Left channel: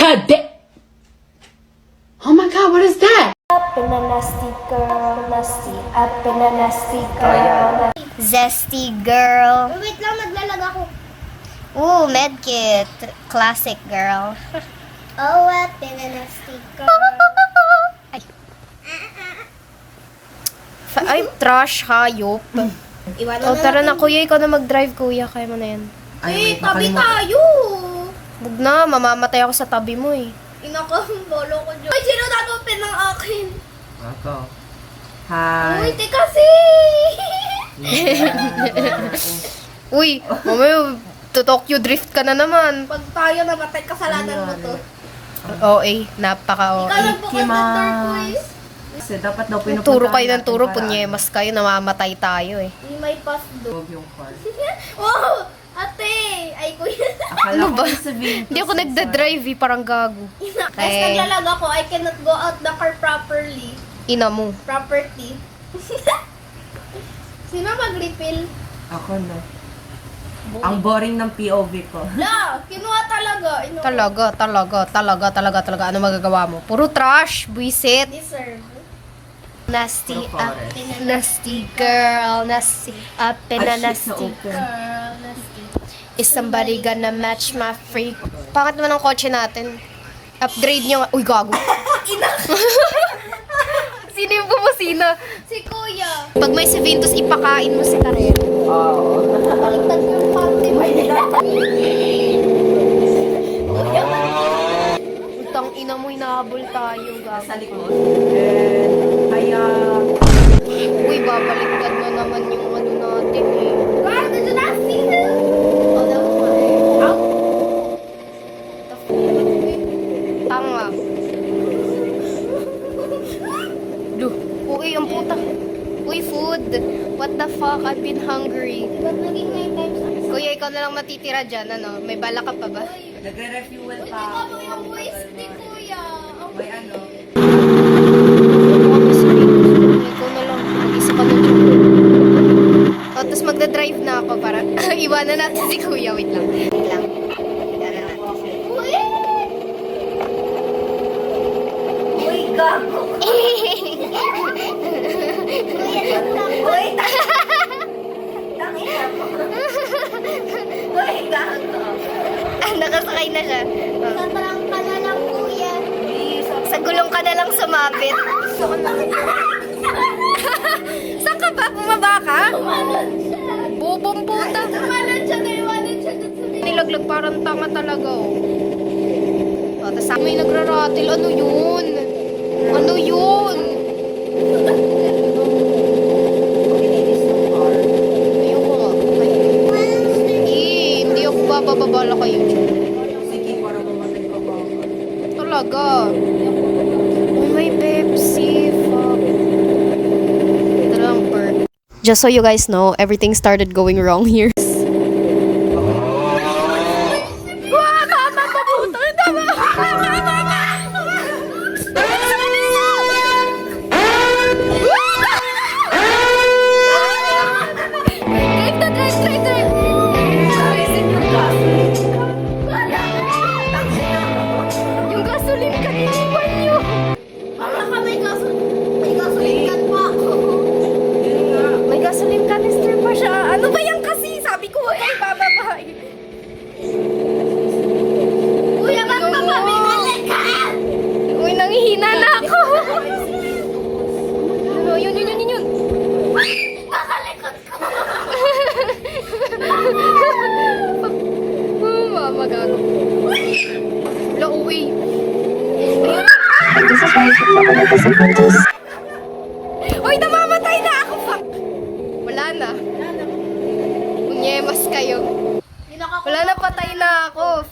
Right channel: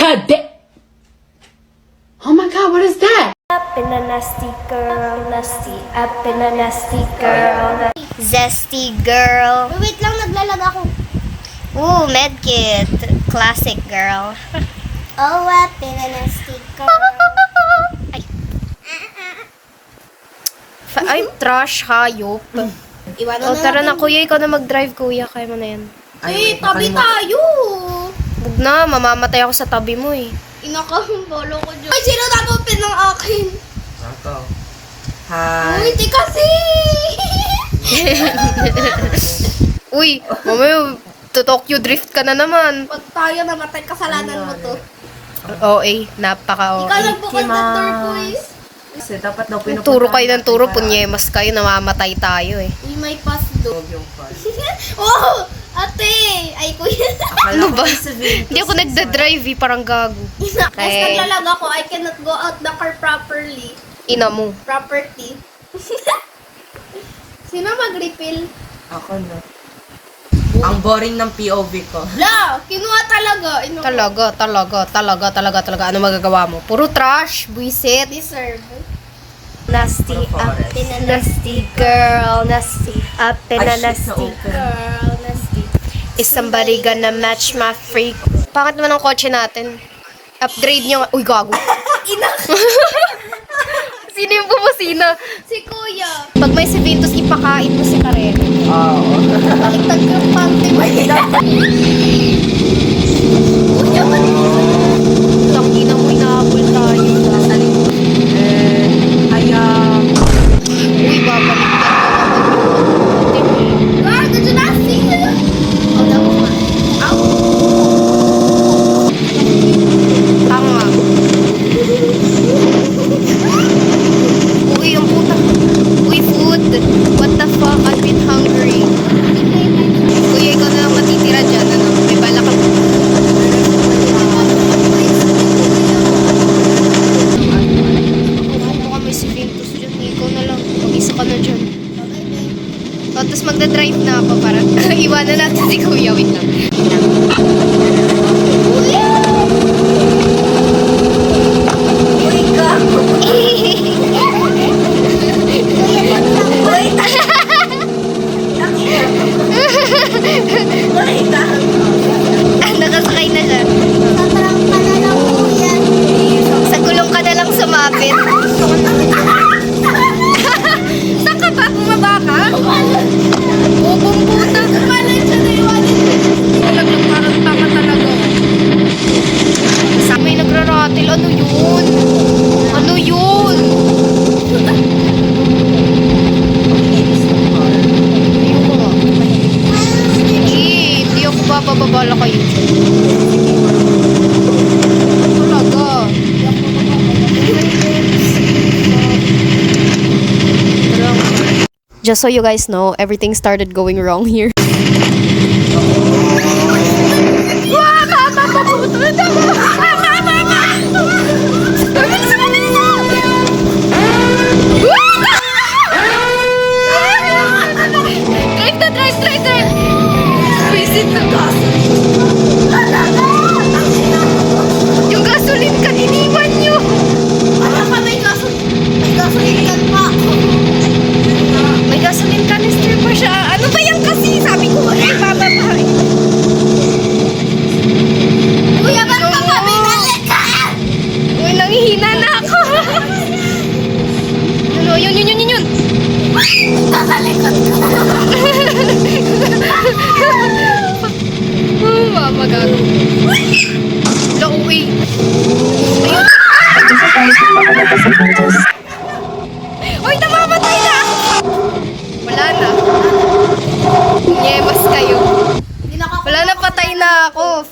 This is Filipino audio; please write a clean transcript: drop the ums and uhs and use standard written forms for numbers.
today. Oh my God, what is that? Up in a nasty girl, nasty. Up in a nasty girl. Zesty girl. Wait lang, naglalag ako. Ooh, medkit. Classic girl. Oh, up in a nasty girl. Ay. Ay, trash, hayop. O, tara na, kuya. Ikaw na mag-drive, kuya. Kaya mo na yan. Eh, tabi tayo. Huwag na, mamamatay ako sa tabi mo eh. Inakambolo ko dyan. Ay, sino natupin ng akin? Ito. Uy, Hi. di kasi. Uy, mamaya, to Tokyo drift ka na naman. Pag tayo namatay, kasalanan mo to. OA, napaka-OA. Ikaw nagbukal ng door ko eh. Kasi dapat daw Turo kayo ng turo, punyemas kayo, namamatay tayo eh. May may pass do. Yung call. Oh, ate. Ay, kuya. Ano ba? Hindi ako nagda-drive eh, parang gago. Inakes na lang ako. I cannot go out the car properly. Ina mo. Property. Sino mag-refill? Ako na. Ang boring ng POV ko. La, kinuha talaga. Talaga. Ano magagawa mo? Puro trash, buisit. Deserve. Nasty up in a nasty girl. Nasty up in a nasty Girl, nasty. Is somebody gonna match my freak? Bakit naman ang kotse natin? Upgrade niyo. Uy, gago. Sino yung bumusina? Si kuya. Pag may si Ventus, ipakain mo si Karen. Oo. Baliktad ko yung pante mo. Tangina mo, inahabol tayo. Kaya, Uy, babaliktad na naman yung ano natin eh. Ah, nandiyan na si. Tanga. Uy, ang puta. Uy, food. What the fuck? I've been hungry. Kuya, ikaw na lang matitira dyan. Ano? May bala ka pa ba? Kung kami si Ventus dyan, ikaw na lang. Mag-isa ka na dyan. O, tapos magdadrive na ako para iwanan natin si Kuya. Wait lang. Uy, gago. Uy, Nakasakay na siya. tatarang ka na lang, kuya. Sa gulong ka na lang sumabit. Saan ka ba? Bumaba ka? Bubong puta. Tumalan siya na iwanan. Nilaglag parang tanga talaga. Sa may nagraratil. Ano yun? Ano yun? Ayoko nga. Hindi ako bababala kayo dyan. Talaga. Just so you guys know, everything started going wrong here. Drive. Visit na. Yung gasoline ka, iniwan nyo. Wala ka, may gasoline ka pa. May gasoline canister pa siya. Ano ba yan kasi? Sabi ko, wag kayo bababahay. Kuya, ba't ka kami ka? Uy, nangihina na ako. Yun. Kakalikot ka. Mama, gago. Uy. Ayun. Uy, namamatay na ako. Wala na. Nyemas kayo. Wala na, patay na ako.